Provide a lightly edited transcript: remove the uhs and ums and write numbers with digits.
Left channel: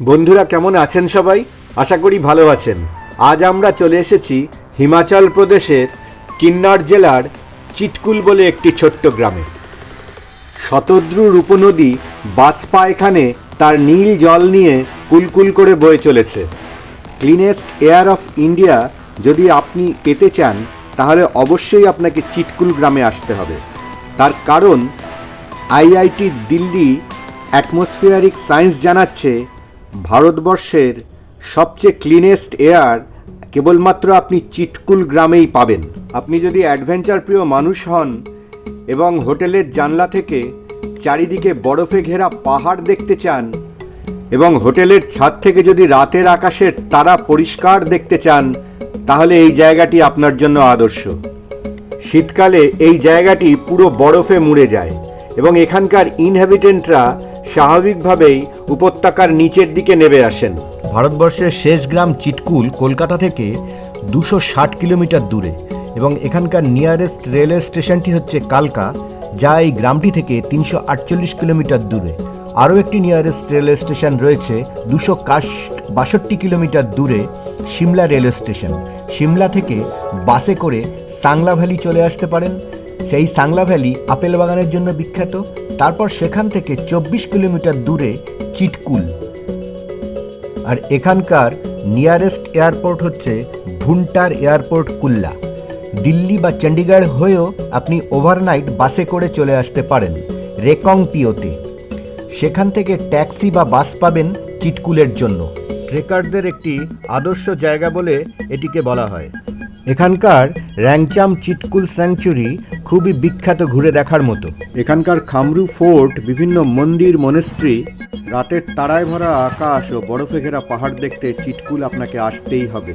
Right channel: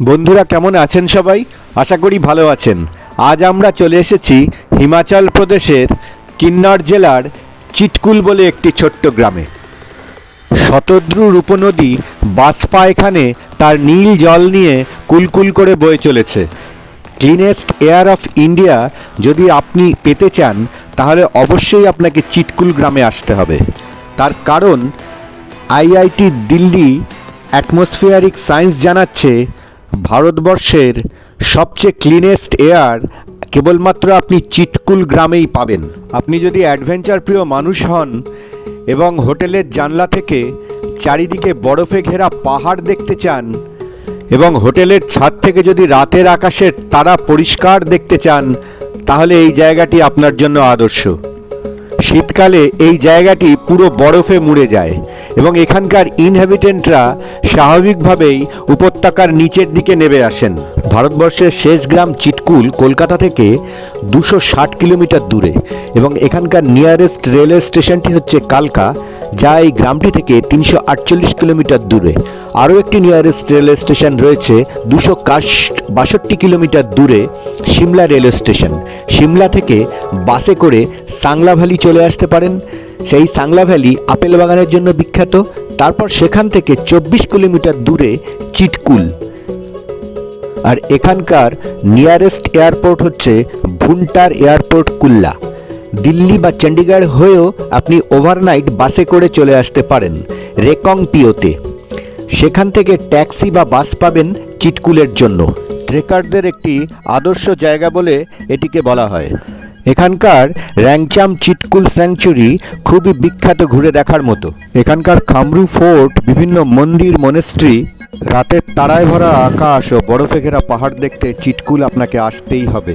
বন্ধুরা কেমন আছেন সবাই? আশা করি ভালো আছেন। আজ আমরা চলে এসেছি হিমাচল প্রদেশের কিন্নর জেলার চিটকুল বলে একটি ছোট্ট গ্রামে। শতদ্রু উপনদী বাসপা এখানে তার নীল জল নিয়ে কুলকুল করে বয়ে চলেছে। ক্লিনেস্ট এয়ার অফ ইন্ডিয়া যদি আপনি পেতে চান তাহলে অবশ্যই আপনাকে চিটকুল গ্রামে আসতে হবে। তার কারণ আইআইটি দিল্লি অ্যাটমসফিয়ারিক সায়েন্স জানাচ্ছে ভারতবর্ষের সবচেয়ে ক্লিনেস্ট এয়ার কেবলমাত্র আপনি চিটকুল গ্রামেই পাবেন। আপনি যদি অ্যাডভেঞ্চার প্রিয় মানুষ হন এবং হোটেলের জানলা থেকে চারিদিকে বরফে ঘেরা পাহাড় দেখতে চান এবং হোটেলের ছাদ থেকে যদি রাতের আকাশের তারা পরিষ্কার দেখতে চান তাহলে এই জায়গাটি আপনার জন্য আদর্শ। শীতকালে এই জায়গাটি পুরো বরফে মুড়ে যায় এবং এখানকার ইনহ্যাবিটেন্টরা স্বাভাবিকভাবেই উপত্যকার নিচের দিকে নেমে আসেন। ভারতবর্ষের শেষ গ্রাম চিটকুল কলকাতা থেকে 260 কিলোমিটার দূরে এবং এখানকার নিয়ারেস্ট রেলওয়ে স্টেশনটি হচ্ছে কালকা, যা এই গ্রামটি থেকে 348 কিলোমিটার দূরে। আরও একটি নিয়ারেস্ট রেলওয়ে স্টেশন রয়েছে 262 কিলোমিটার দূরে, সিমলা রেলওয়ে স্টেশন। সিমলা থেকে বাসে করে সাংলা ভ্যালি চলে আসতে পারেন। সেই সাংলা ভ্যালি আপেল বাগানের জন্য বিখ্যাত। তারপর সেখান থেকে 24 কিলোমিটার দূরে চিটকুল। আর এখানকার নিয়ারেস্ট এয়ারপোর্ট হচ্ছে ভুন্টার এয়ারপোর্ট কুল্লা। দিল্লি বা চণ্ডীগড় হয়েও আপনি ওভারনাইট বাসে করে চলে আসতে পারেন রেকং পিওতে। সেখান থেকে ট্যাক্সি বা বাস পাবেন চিটকুলের জন্য। ট্রেকারদের একটি আদর্শ জায়গা বলে এটিকে বলা হয়। এখানকার র্যাংচাম চিটকুল স্যাংচুরি খুবই বিখ্যাত, ঘুরে দেখার মতো। এখানকার খামরু ফোর্ট, বিভিন্ন মন্দির, মনেস্ট্রি, রাতের তারায় ভরা আকাশ ও বরফে ঘেরা পাহাড় দেখতে চিটকুল আপনাকে আসতেই হবে।